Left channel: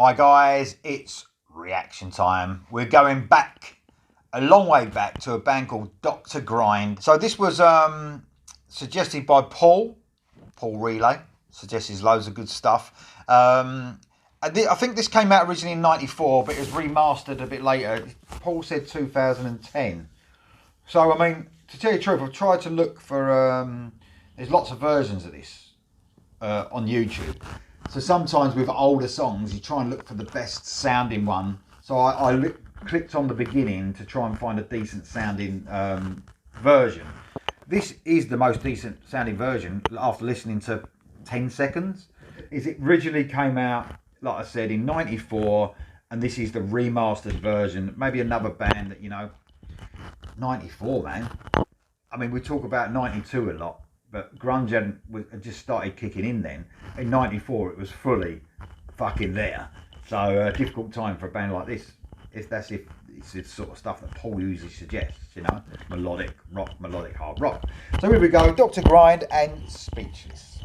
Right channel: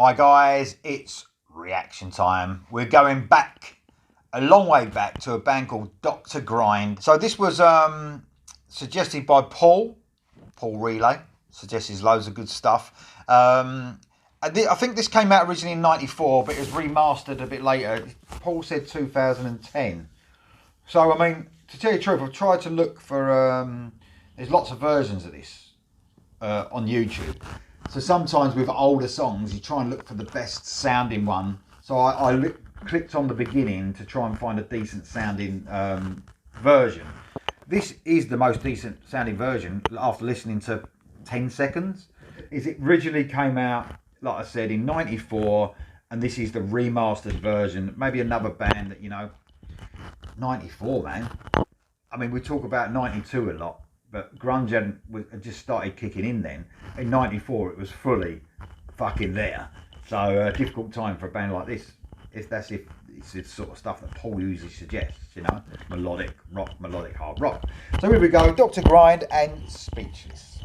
Hi guys, it's reaction time. We're going back, a long way back, to a band called Dr. Grind. So this was suggested by Paul Relay, suggests loads of good stuff. I think this came out originally in 94, but it was remastered a bit later. Paul said 2010. So, I mean, to tell you the truth, I've tried to look for, there's lots of versions of this on YouTube. So sometimes with older songs, you try and look for the best sounding one. So I clicked on the beginning to try and find a decent sounding version. This is the most decent sounding version after listening to 10 seconds. It originally came out, like I said, in 94, and this is the remastered version. Maybe another band that, 94, man. I mean, we talk about 92 a lot, but grunge had just started kicking in then. In 94, it was fully fucking there. So a difficult time for a band like this. If it's the sort of stuff that Paul usually suggests, melodic rock, melodic hard rock. So here we go, Dr. Grind and Speechless.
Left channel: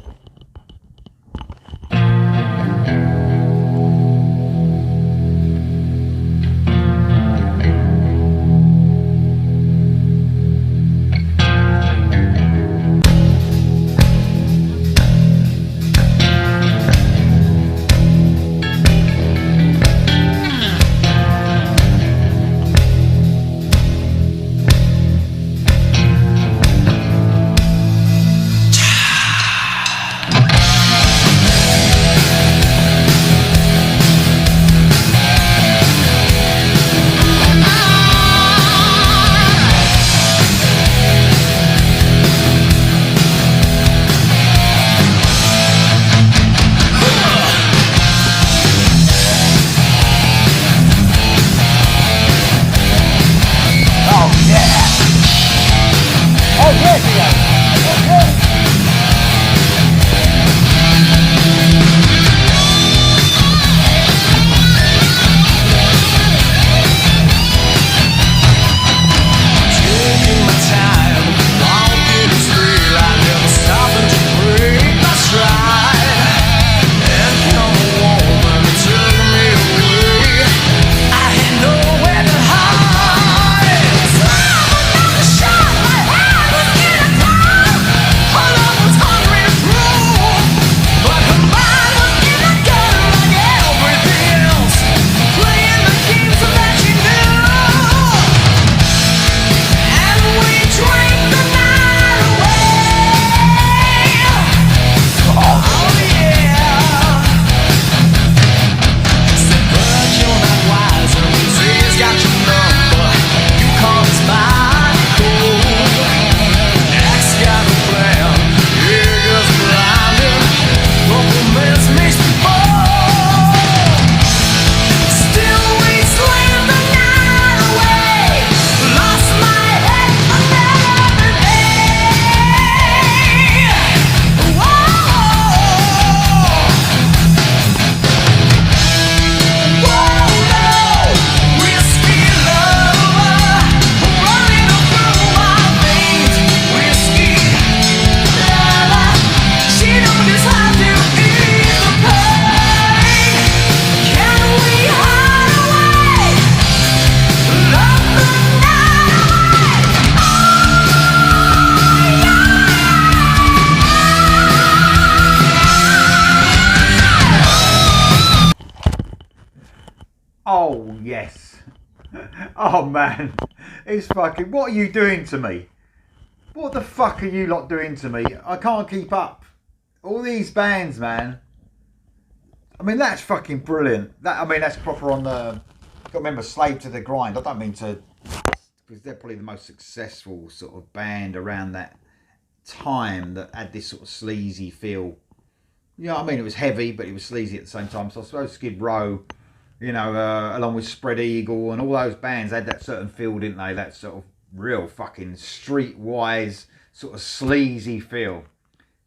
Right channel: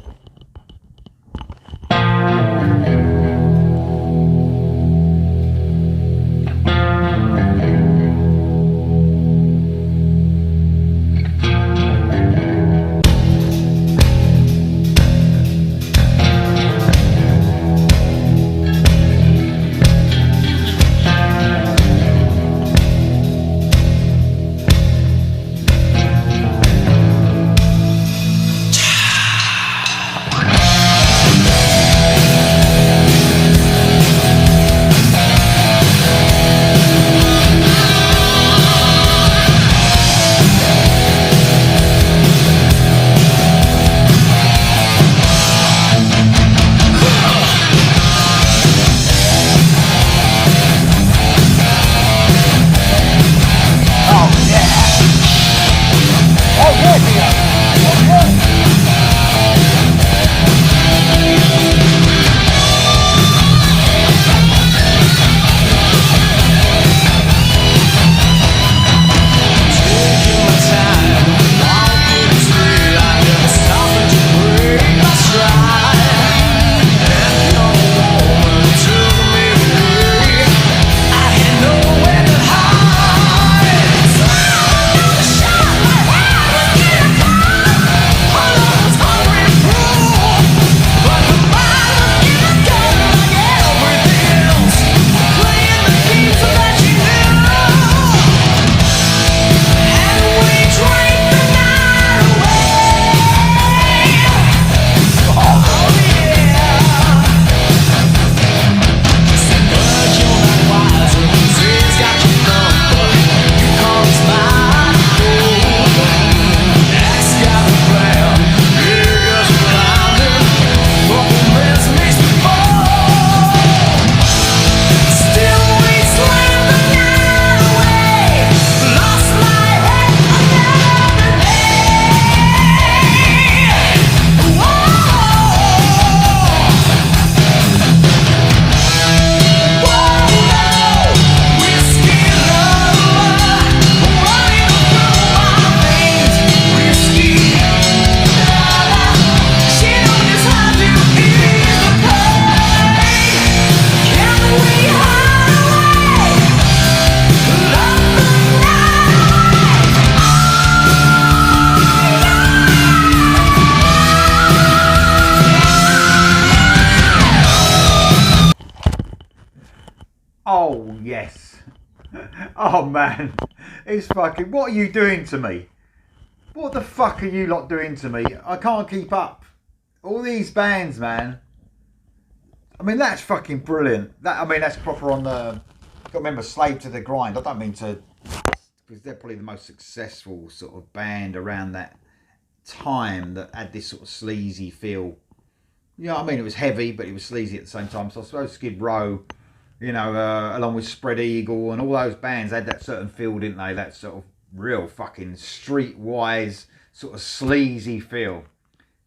Oh, yes. Oh, man. It's fucking... What are you doing to me? What the fuck are you lot doing to me? I can't keep up. All these bands, man. I mean, that's fucking brilliant. That's proper on the... Got to remember, Slave to the Grind. I don't mean to... Because they're probably the most successful sort of band around that time that had this sort of sleazy feel. It was heavy, but it was sleazy at the same time. So I suppose Skid Row... along with Spread Eagle and all those bands had that certain feel, didn't they? That sort of real fucking streetwise, sort of sleazy feel.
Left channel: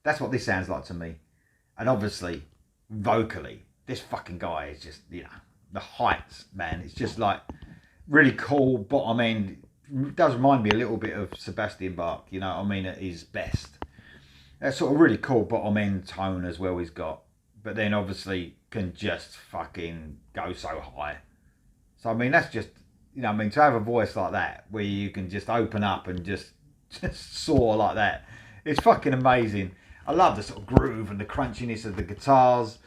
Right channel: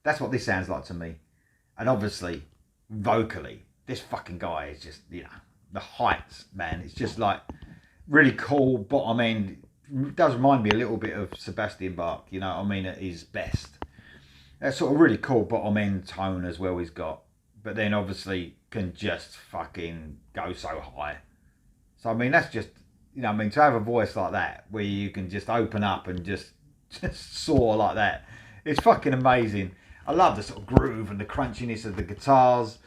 That's what this sounds like to me. And obviously, vocally, this fucking guy is just, the heights, man. It's just like really cool bottom end. It does remind me a little bit of Sebastian Bach, at his best. That sort of really cool bottom end tone as well he's got. but then obviously can just fucking go so high. So I mean, that's just, you know, I mean, to have a voice like that where you can just open up and just soar like that, it's fucking amazing. I love the sort of groove and the crunchiness of the guitars.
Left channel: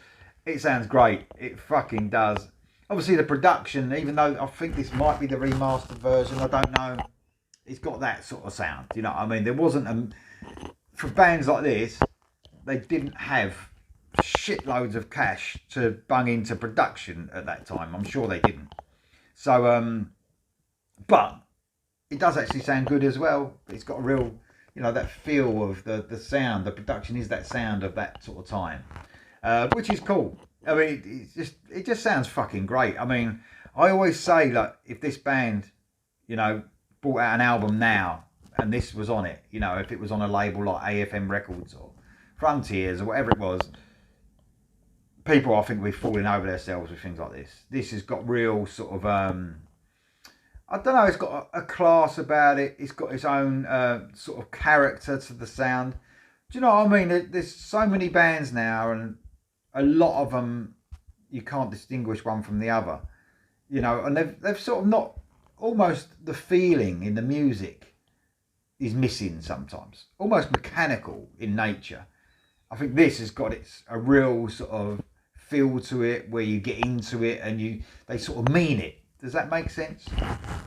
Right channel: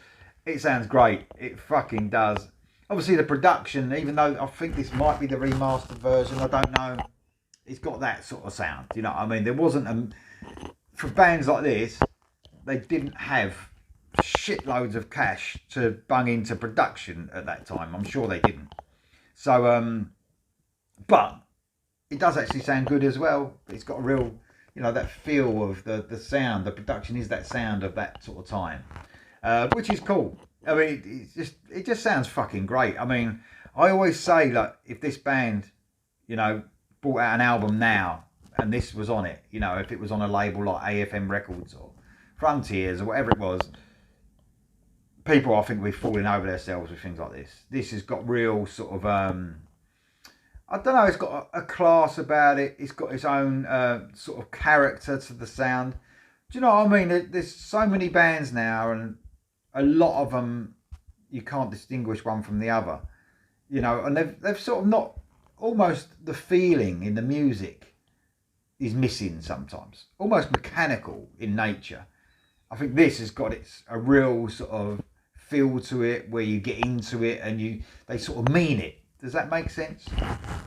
It sounds great. It fucking does. Obviously the production, even though I think this might be the remastered version, I don't know, it's got that sort of sound. You know what I mean? There wasn't for bands like this, they didn't have shitloads of cash to bung into production at that time. I'm sure they didn't. So, but it does actually sound good as well. It's got a real, you know, that feel of the sound. The production is that sound of that sort of time, which is cool. I mean, it just sounds fucking great. I mean, I always say, like, if this band, you know, brought out an album now and this was on it, you know, if it was on a label like AFM Records or Frontiers or whatever it was, people I think would be falling over themselves with things like this. This has got real sort of, I don't know, it's got a class about it. It's got its own sort of character to the sound. Do you know what I mean? There's so many bands now, and a lot of them you can't distinguish one from the other. You know, and they've sort of not, almost the feeling in the music is missing sometimes. Almost mechanical in nature. I think this has got a real sort of feel to it where you get into it and they sort of mean it. Does that make sense?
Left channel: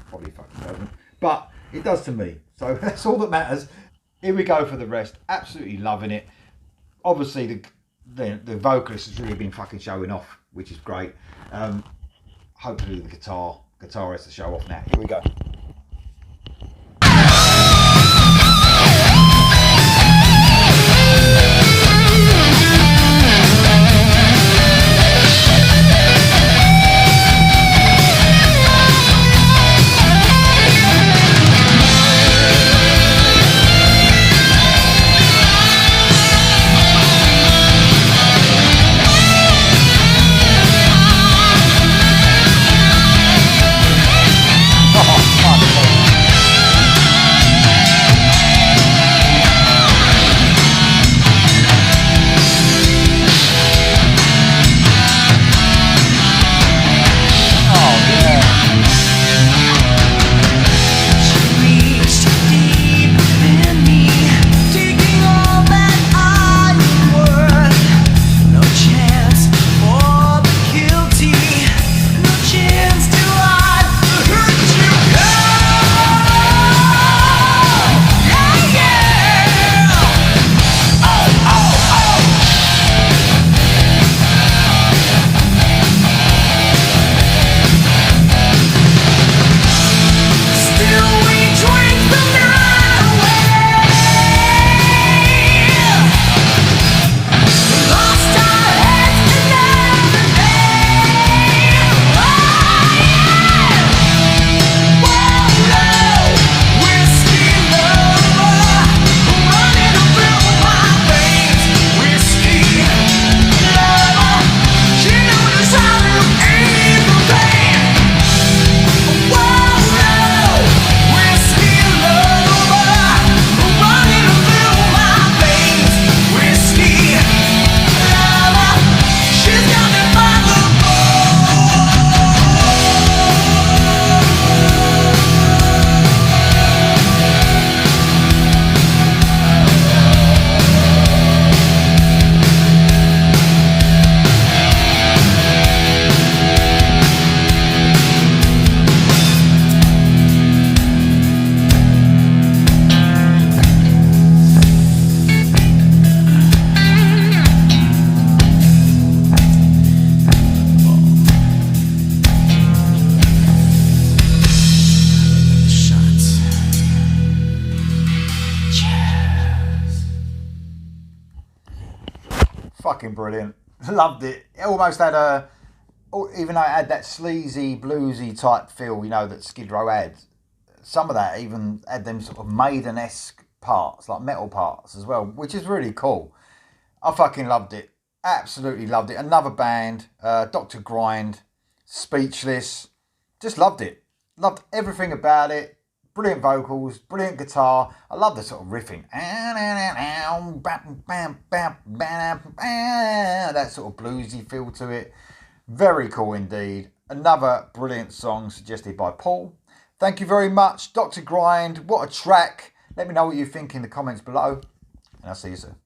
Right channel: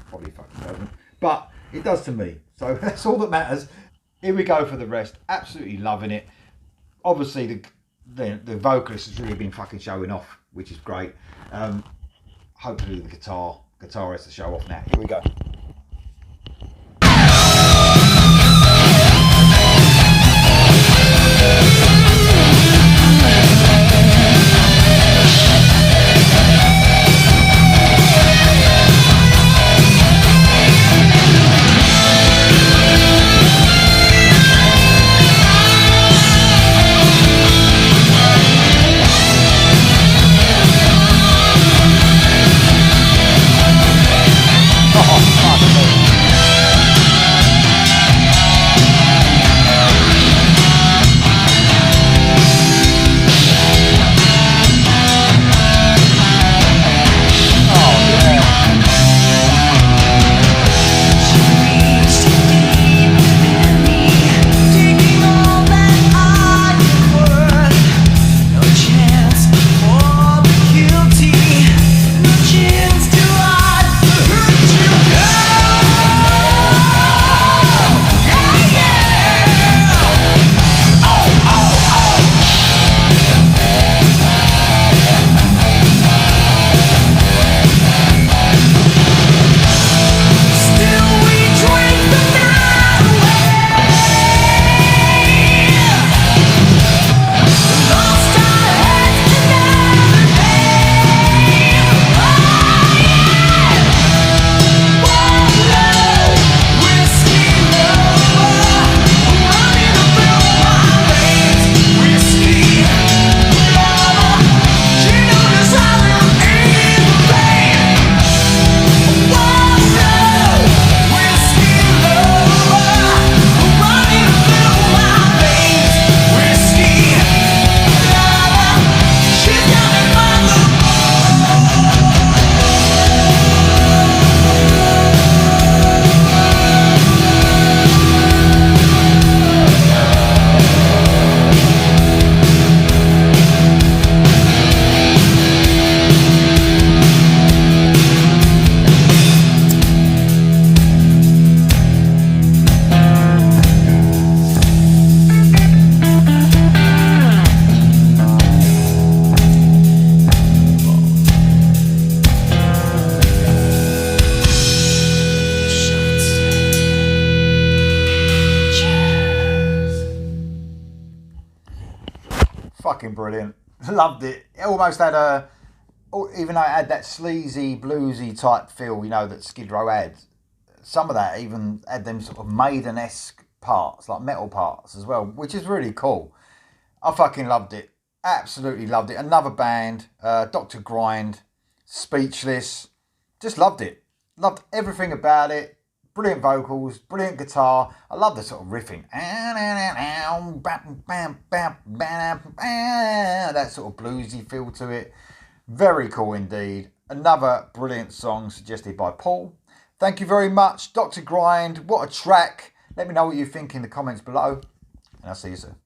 Probably fucking doesn't. But it does to me. So that's all that matters. Here we go for the rest. Absolutely loving it. Obviously the vocalist has really been fucking showing off, which is great. Hopefully the guitar has to show off now. Here we go. Fucking brilliant. Loved it. It almost had even though it had that sleazy, bluesy type feel, you know, that Skid Row had, some of that even had them sort of Maiden-esque parts, like metal parts as well, which is really cool. I fucking loved it. Absolutely loved it. Another band, Dr. Grind, Speechless. Just loved it. Loved everything about it. brilliant vocals, brilliant guitar. I love the sort of riffing. That sort of bluesy feel to it. Very cool indeed. Another brilliant song suggested by Paul. Thank you very much, Dr. Grind. What a track. Let me know what you think in the comments below, and I'll see you soon.